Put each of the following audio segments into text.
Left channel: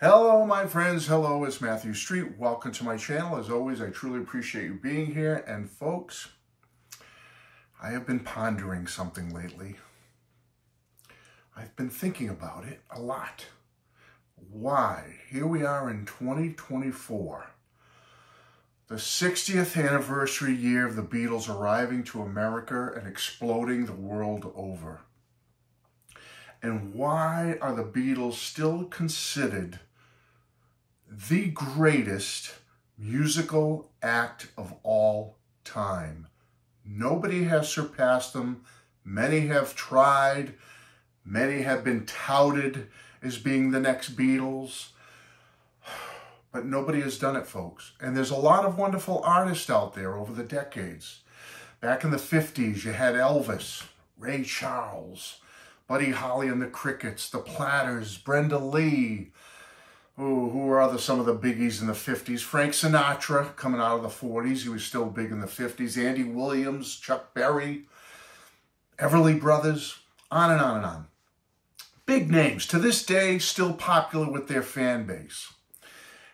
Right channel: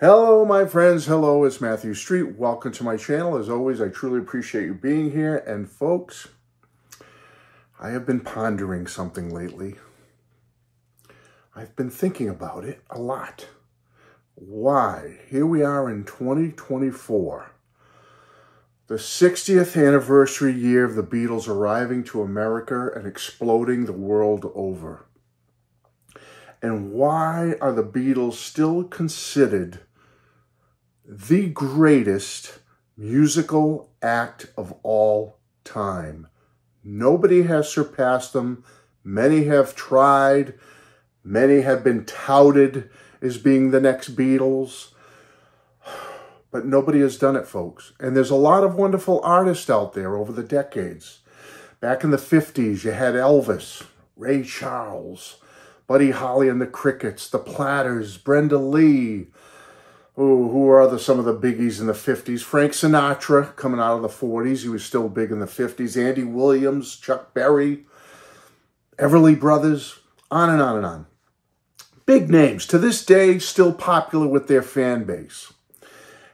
Hello, my friends. Hello, it's Matthew Street. Welcome to my channel. As always, I truly appreciate you being here. And folks, I have been pondering something lately. I've been thinking about it a lot. Why? Here we are in 2024, the 60th anniversary year of the Beatles arriving to America and exploding the world over. And why are the Beatles still considered the greatest musical act of all time? Nobody has surpassed them. Many have tried. Many have been touted as being the next Beatles. But nobody has done it, folks. And there's a lot of wonderful artists out there over the decades. Back in the 50s, you had Elvis, Ray Charles, Buddy Holly and the Crickets, the Platters, Brenda Lee. Who are some of the biggies in the 50s? Frank Sinatra, coming out of the 40s. He was still big in the 50s. Andy Williams, Chuck Berry, Everly Brothers, on and on and on. Big names, to this day, still popular with their fan base.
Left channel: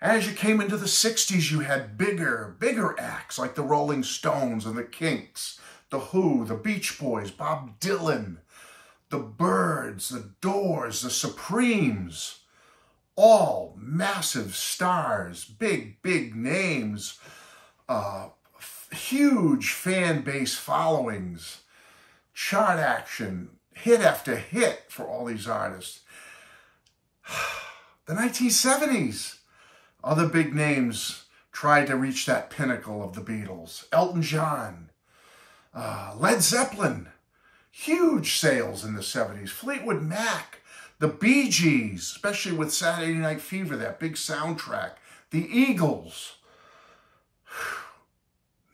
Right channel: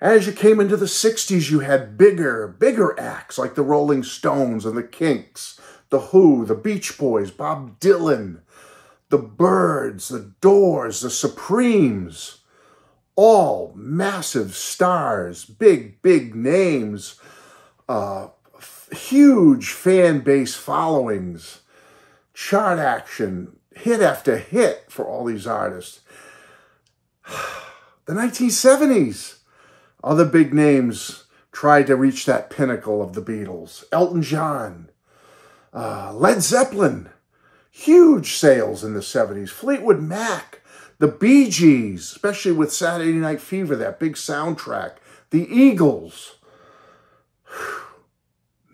As you came into the 60s, you had bigger acts like the Rolling Stones and the Kinks, the Who, the Beach Boys, Bob Dylan, the Byrds, the Doors, the Supremes, all massive stars, big names, huge fan base followings, chart action, hit after hit for all these artists. The 1970s, other big names tried to reach that pinnacle of the Beatles. Elton John, Led Zeppelin, huge sales in the 70s. Fleetwood Mac, the Bee Gees, especially with Saturday Night Fever, that big soundtrack. The Eagles.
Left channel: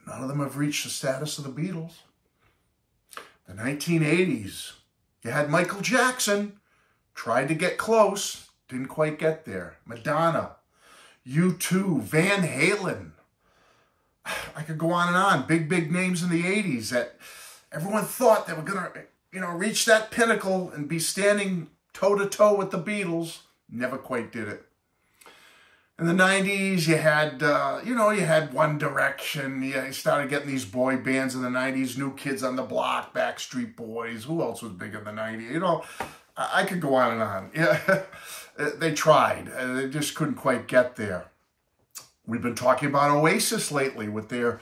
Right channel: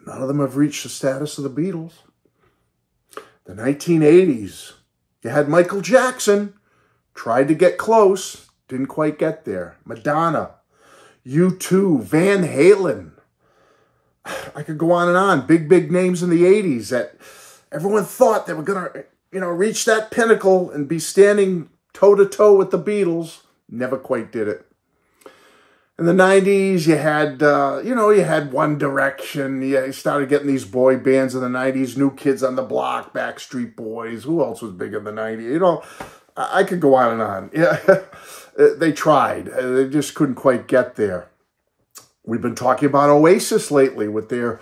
None of them have reached the status of the Beatles. The 1980s, you had Michael Jackson, tried to get close, didn't quite get there. Madonna, U2, Van Halen. I could go on and on. Big names in the 80s that everyone thought they were going to, reach that pinnacle and be standing toe-to-toe with the Beatles. Never quite did it. In the 90s, you had, you had One Direction. You started getting these boy bands in the 90s, New Kids on the Block, Backstreet Boys. Who else was big in the 90s? I could go on and on. Yeah, they tried. They just couldn't quite get there. We've been talking about Oasis lately with their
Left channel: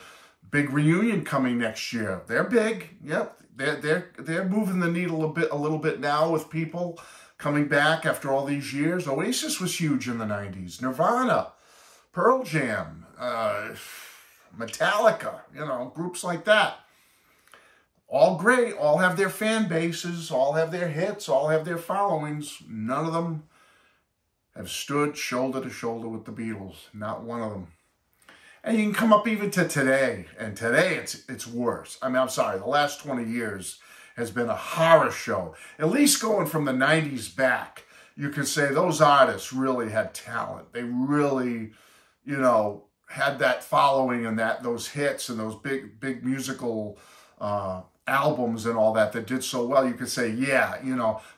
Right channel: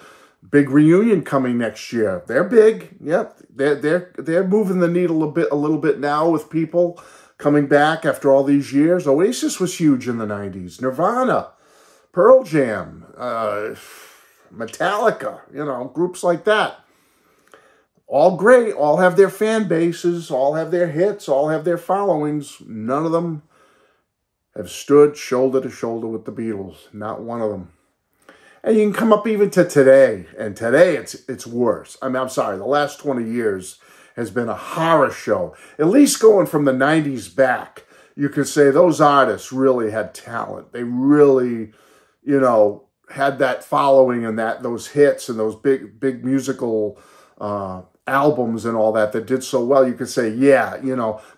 big reunion coming next year. They're big. Yep. They're moving the needle a little bit now with people coming back after all these years. Oasis was huge in the 90s. Nirvana, Pearl Jam, Metallica, groups like that. All great, all have their fan bases, all have their hits, all have their followings. None of them have stood shoulder to shoulder with the Beatles. Not one of them. And you can come up even to today, and today it's worse. I'm sorry, the last 20 years has been a horror show. At least going from the 90s back, you could say those artists really had talent. They really, had that following and those hits and those big musical albums and all that did so well. You could say, yeah,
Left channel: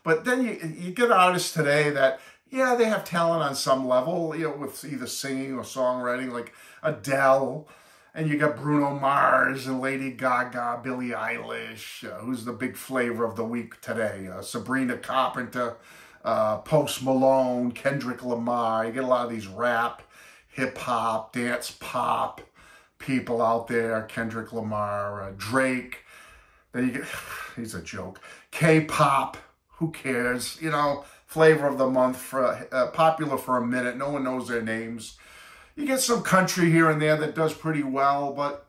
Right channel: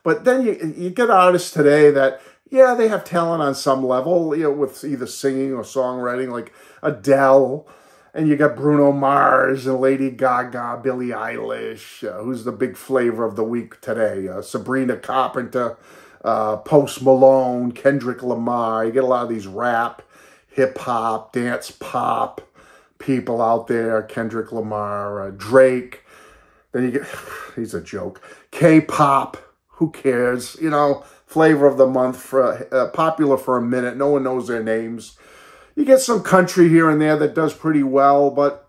But then you get artists today that, yeah, they have talent on some level, with either singing or songwriting, like Adele, and you got Bruno Mars and Lady Gaga, Billie Eilish, who's the big flavor of the week today, Sabrina Carpenter, Post Malone, Kendrick Lamar. You get a lot of these rap, hip-hop, dance pop people out there, Kendrick Lamar, Drake. Then you get, he's a joke, K-pop, who cares, flavor of the month, for popular for a minute. No one knows their names. You get some country here and there that does pretty well, but,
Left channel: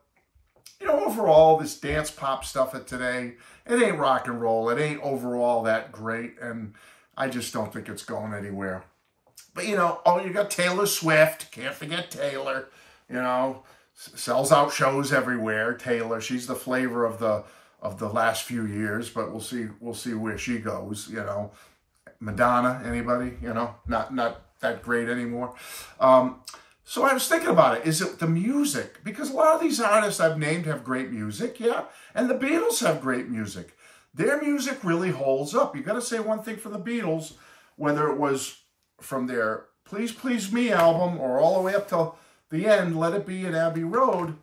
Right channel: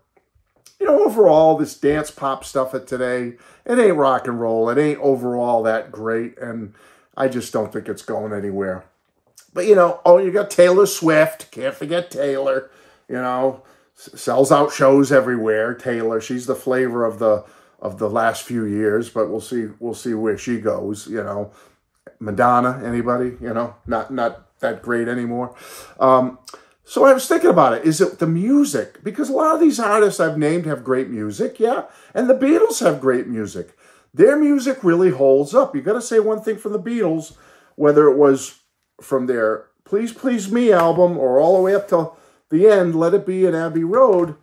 overall, this dance pop stuff of today, it ain't rock and roll. It ain't overall that great, and I just don't think it's going anywhere. But, you got Taylor Swift. Can't forget Taylor, sells out shows everywhere. Taylor, she's the flavor of the last few years, but we'll see where she goes, Madonna, anybody, not that great anymore. So I was thinking about it. Is it the music? Because a lot of these artists I've named have great music, yeah. And the Beatles have great music. Their music really holds up. You got to say one thing from the Beatles, whether it was from their Please Please Me album, or all the way up till the end, Let It Be and Abbey Road,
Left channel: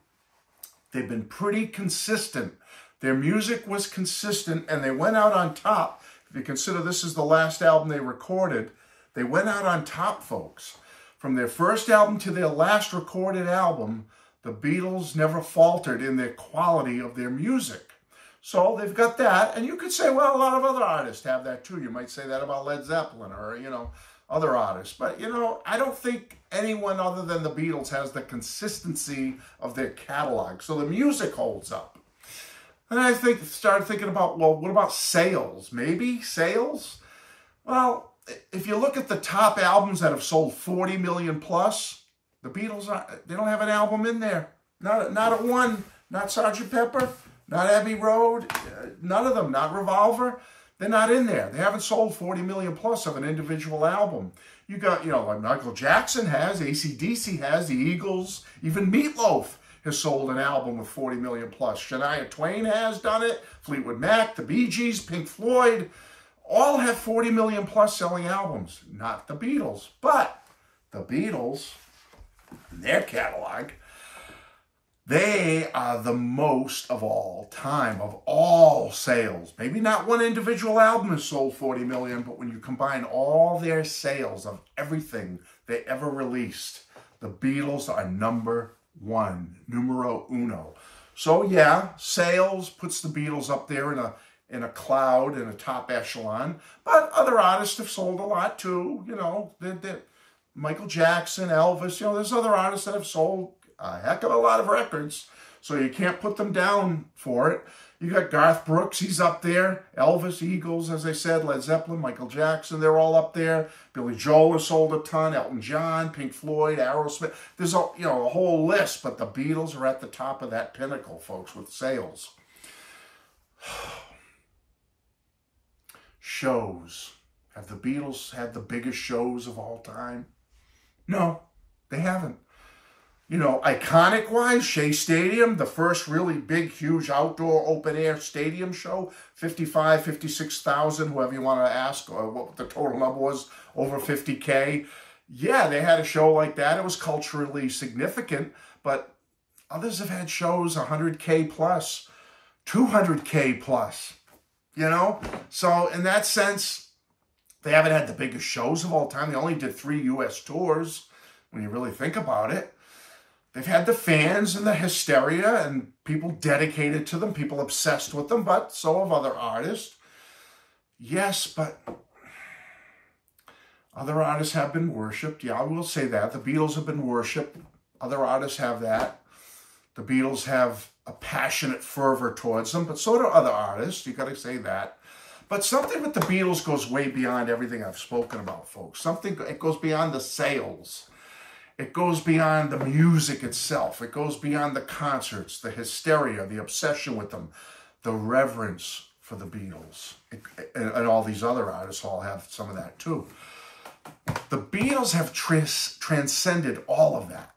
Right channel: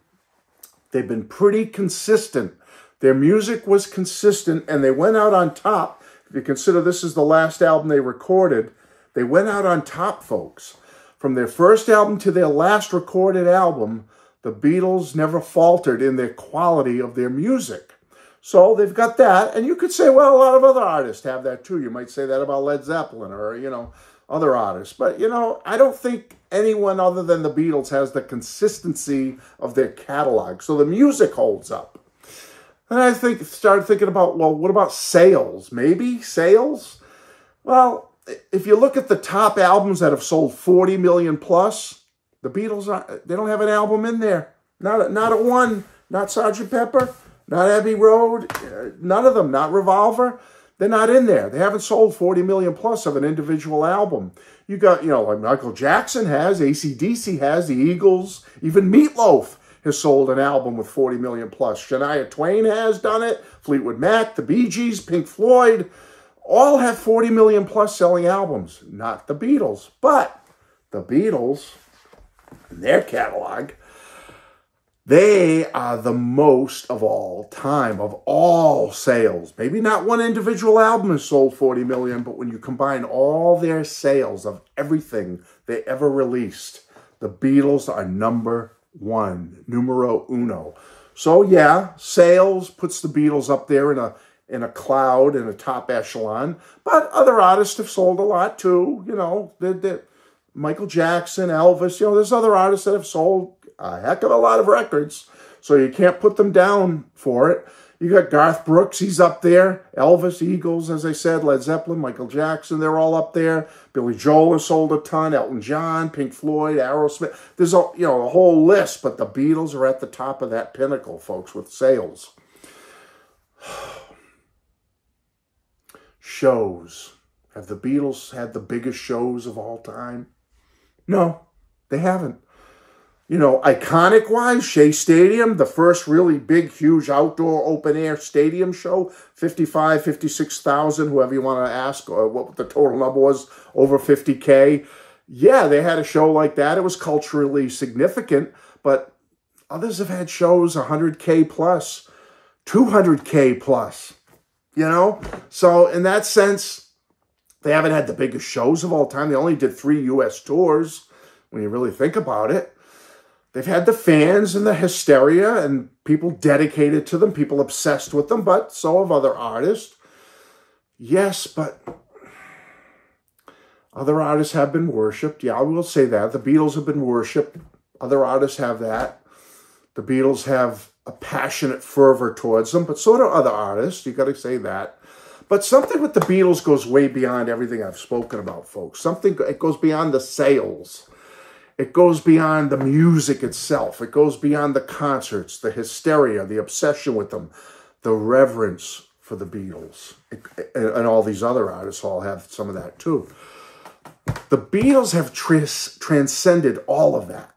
they've been pretty consistent. Their music was consistent, and they went out on top. If you consider this is the last album they recorded, they went out on top, folks. From their first album to their last recorded album, the Beatles never faltered in their quality of their music. So they've got that, and you could say, well, a lot of other artists have that too. You might say that about Led Zeppelin or, other artists. But, I don't think anyone other than the Beatles has the consistency of their catalog. So the music holds up. And I started thinking about, well, what about sales? Maybe sales? Well, if you look at the top albums that have sold 40 million plus, the Beatles, they don't have an album in there. Not a one. Not Sgt. Pepper. Not Abbey Road. None of them. Not Revolver. They're not in there. They haven't sold 40 million plus of an individual album. You got, like Michael Jackson has, AC/DC has, the Eagles, even Meatloaf has sold an album with 40 million plus. Shania Twain has done it. Fleetwood Mac, the Bee Gees, Pink Floyd, all have 40 million plus selling albums. Not the Beatles, but the Beatles, in their catalog, they are the most of all time, of all sales. Maybe not one individual album has sold 40 million, but when you combine all their sales of everything they ever released, the Beatles are number one, numero uno. So yeah, sales puts the Beatles up there in a cloud, in a top echelon, but other artists have sold a lot too. Michael Jackson, Elvis, there's other artists that have sold a heck of a lot of records, so you can't put them down for it. You got Garth Brooks, he's up there. Elvis, Eagles, as I said, Led Zeppelin, Michael Jackson, they're all up there. Billy Joel has sold a ton, Elton John, Pink Floyd, Aerosmith. There's a whole list, but the Beatles are at the top of that pinnacle, folks, with sales. Shows. Have the Beatles had the biggest shows of all time? No, they haven't. Iconic-wise, Shea Stadium, the first really big, huge outdoor open-air stadium show, 55, 56,000, whoever you want to ask, or what the total number was, over 50K. Yeah, they had a show like that. It was culturally significant, but others have had shows 100K plus, 200K plus, So in that sense, they haven't had the biggest shows of all time. They only did 3 U.S. tours, when you really think about it. They've had the fans and the hysteria and people dedicated to them, people obsessed with them, but so have other artists. Yes, but other artists have been worshipped. Yeah, I will say that. The Beatles have been worshipped. Other artists have that. The Beatles have a passionate fervor towards them, but so do other artists. You got to say that. But something with the Beatles goes way beyond everything I've spoken about, folks. It goes beyond the sales. It goes beyond the music itself. It goes beyond the concerts, the hysteria, the obsession with them, the reverence for the Beatles. And all these other artists all have some of that too. The Beatles have transcended all of that.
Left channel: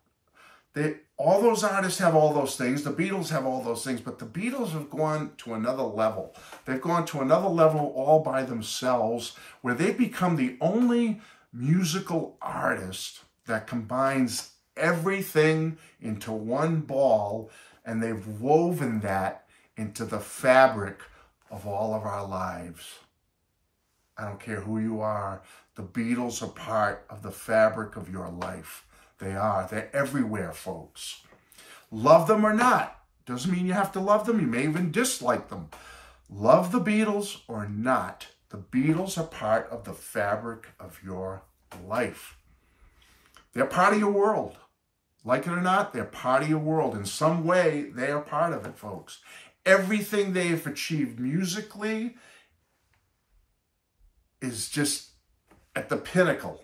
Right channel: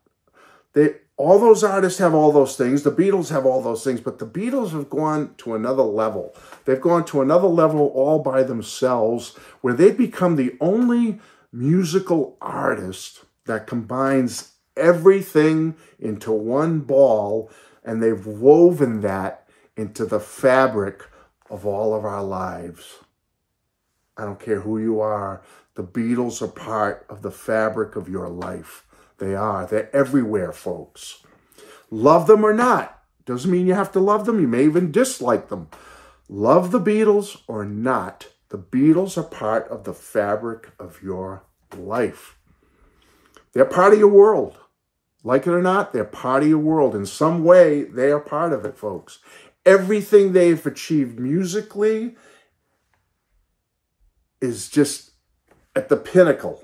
All those artists have all those things. The Beatles have all those things, but the Beatles have gone to another level. They've gone to another level all by themselves, where they've become the only musical artist that combines everything into one ball, and they've woven that into the fabric of all of our lives. I don't care who you are. The Beatles are part of the fabric of your life. They are. They're everywhere, folks. Love them or not. Doesn't mean you have to love them. You may even dislike them. Love the Beatles or not, the Beatles are part of the fabric of your life. They're part of your world. Like it or not, they're part of your world. In some way, they are part of it, folks. Everything they've achieved musically is just at the pinnacle.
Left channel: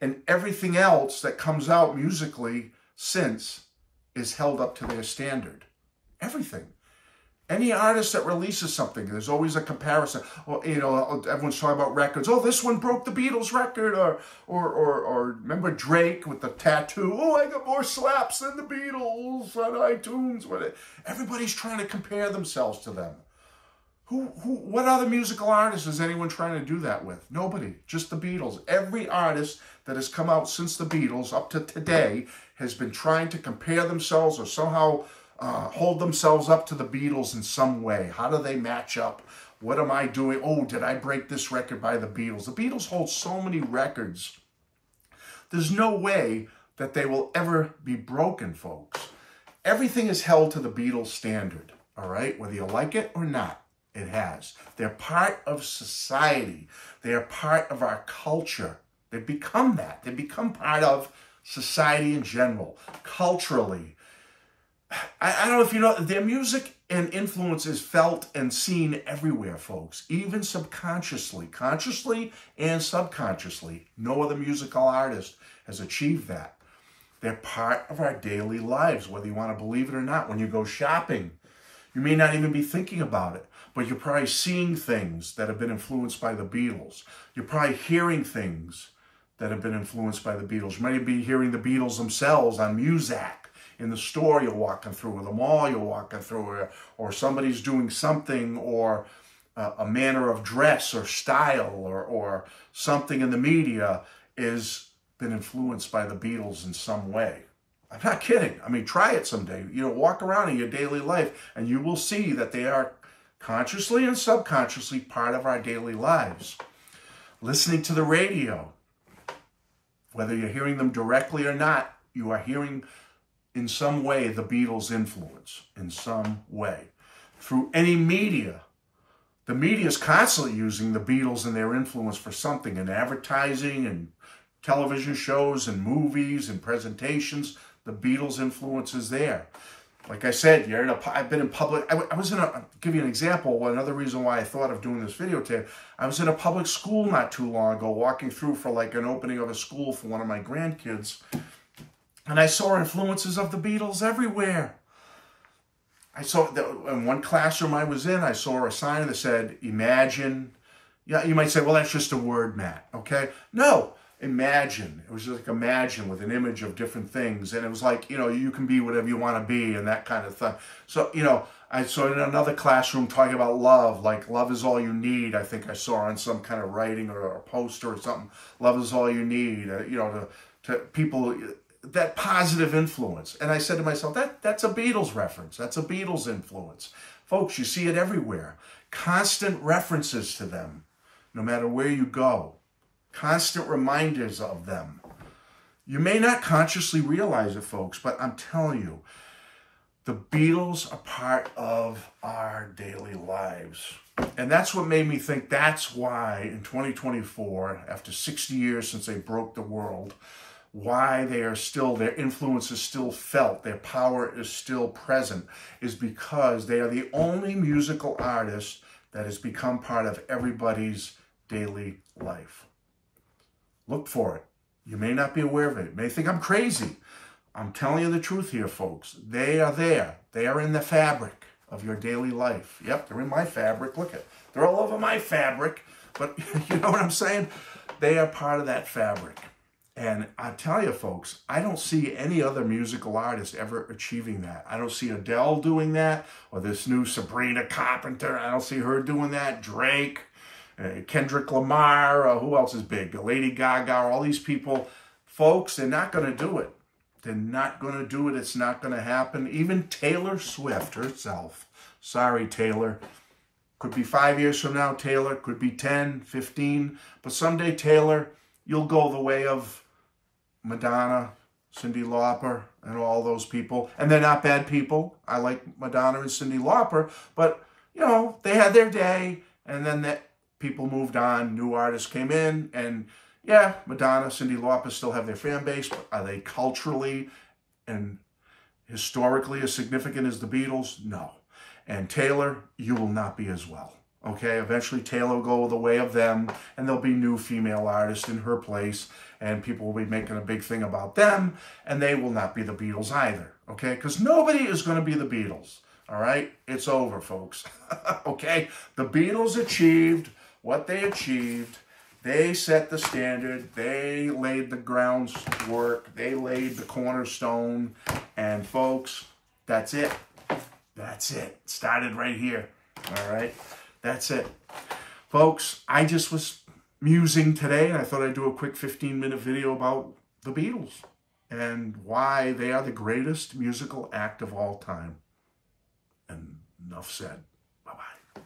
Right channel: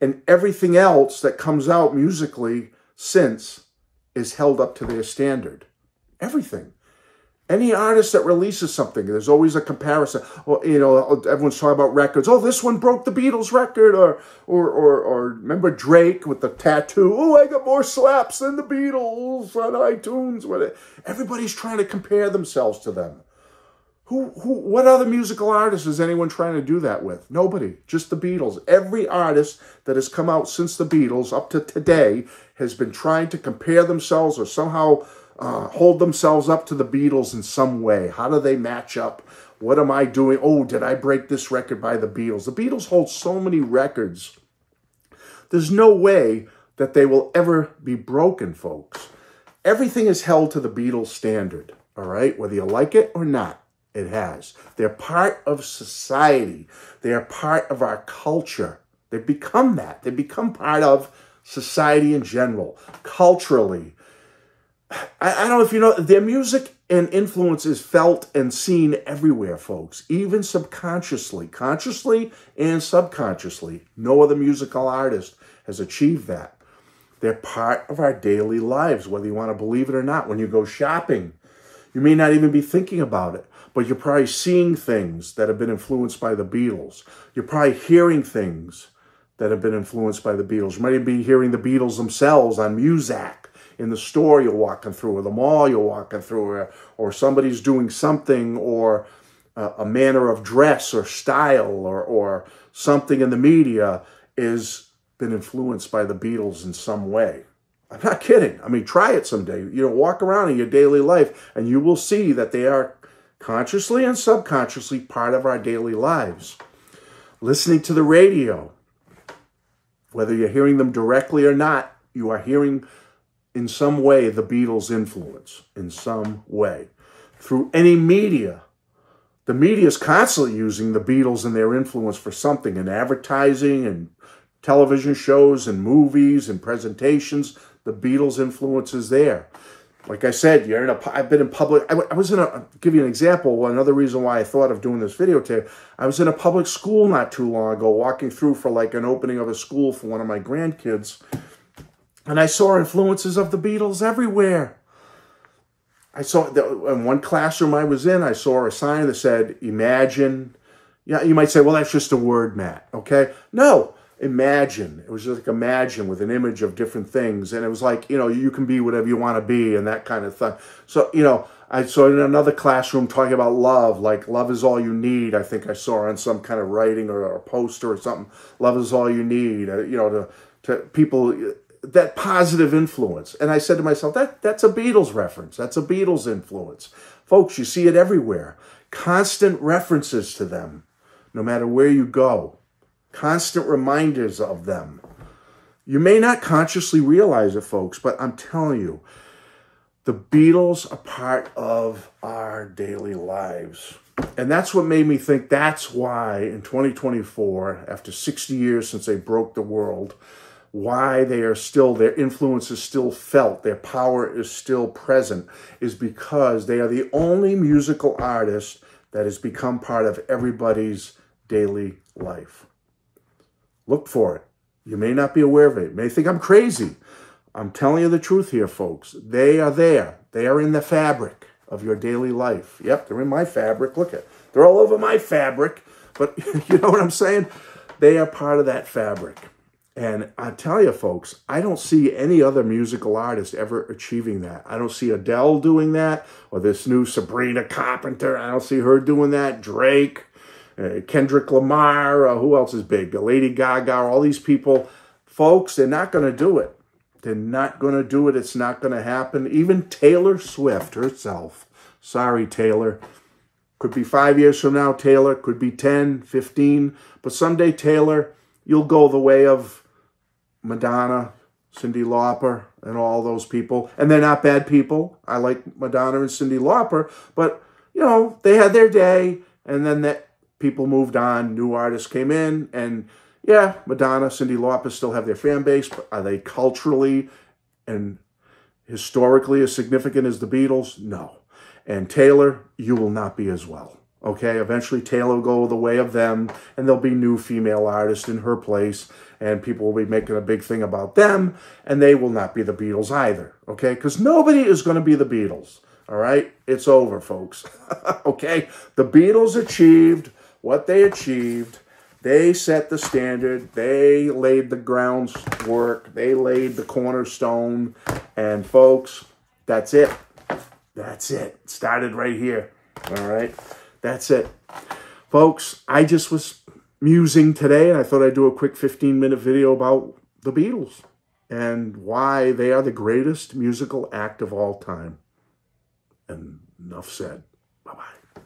And everything else that comes out musically since is held up to their standard. Everything. Any artist that releases something, there's always a comparison. Or, everyone's talking about records. Oh, this one broke the Beatles record. Or remember Drake with the tattoo. Oh, I got more slaps than the Beatles on iTunes. Everybody's trying to compare themselves to them. What other musical artists is anyone trying to do that with? Nobody, just the Beatles. Every artist that has come out since the Beatles up to today has been trying to compare themselves or somehow hold themselves up to the Beatles in some way. How do they match up? What am I doing? Oh, did I break this record by the Beatles? The Beatles hold so many records. There's no way that they will ever be broken, folks. Everything is held to the Beatles standard, all right? Whether you like it or not. It has. They're part of society. They are part of our culture. They've become that. They become part of society in general, culturally. I don't know if you know, their music and influence is felt and seen everywhere, folks, even subconsciously, consciously and subconsciously. No other musical artist has achieved that. They're part of our daily lives, whether you want to believe it or not. When you go shopping, you may not even be thinking about it, but you're probably seeing things that have been influenced by the Beatles. You're probably hearing things that have been influenced by the Beatles. You might be hearing the Beatles themselves on Muzak in the store you're walking through, or the mall you're walking through, or somebody's doing something, or a manner of dress or style, or something in the media is been influenced by the Beatles in some way. I'm not kidding. I mean, try it someday. You know, walk around in your daily life and you will see that they are consciously and subconsciously part of our daily lives. Listening to the radio, whether you're hearing them directly or not, you are hearing in some way the Beatles' influence, in some way. Through any media, the media is constantly using the Beatles and their influence for something, in advertising and television shows and movies and presentations. The Beatles' influence is there. Like I said, I've been in public. I'll give you an example. Another reason why I thought of doing this video today. I was in a public school not too long ago, walking through for like an opening of a school for one of my grandkids. And I saw influences of the Beatles everywhere. I saw, in one classroom I was in, I saw a sign that said, imagine. Yeah, you might say, well, that's just a word, Matt, okay? No. Imagine. It was just like imagine with an image of different things. And it was like, you know, you can be whatever you want to be and that kind of thing. So, you know, I saw in another classroom talking about love, like love is all you need. I think I saw on some kind of writing or a poster or something. Love is all you need, you know, to people, that positive influence. And I said to myself, that's a Beatles reference. That's a Beatles influence. Folks, you see it everywhere. Constant references to them, no matter where you go. Constant reminders of them. You may not consciously realize it, folks, but I'm telling you, the Beatles are part of our daily lives. And that's what made me think that's why in 2024, after 60 years since they broke the world, why they are still, their influence is still felt, their power is still present, is because they are the only musical artist that has become part of everybody's daily life. Look for it. You may not be aware of it. You may think I'm crazy. I'm telling you the truth here, folks. They are there. They are in the fabric of your daily life. Yep, they're in my fabric. Look at, they're all over my fabric. But you know what I'm saying? They are part of that fabric. And I tell you, folks, I don't see any other musical artist ever achieving that. I don't see Adele doing that, or this new Sabrina Carpenter. I don't see her doing that. Drake. Kendrick Lamar, who else is big? Lady Gaga, all these people. Folks, they're not going to do it. They're not going to do it. It's not going to happen. Even Taylor Swift herself. Sorry, Taylor. Could be 5 years from now, Taylor. Could be 10, 15. But someday, Taylor, you'll go the way of Madonna, Cyndi Lauper, and all those people. And they're not bad people. I like Madonna and Cyndi Lauper. But, you know, they had their day. And then people moved on, new artists came in, and yeah, Madonna, Cyndi Lauper still have their fan base, but are they culturally and historically as significant as the Beatles? No. And Taylor, you will not be as well, okay? Eventually, Taylor will go the way of them, and there'll be new female artists in her place, and people will be making a big thing about them, and they will not be the Beatles either, okay? Because nobody is going to be the Beatles, all right? It's over, folks, okay? The Beatles achieved what they achieved. They set the standard. They laid the groundwork. They laid the cornerstone. And folks, that's it. That's it. It started right here. All right. That's it. Folks, I just was musing today, and I thought I'd do a quick 15-minute video about the Beatles and why they are the greatest musical act of all time. And enough said. Bye-bye.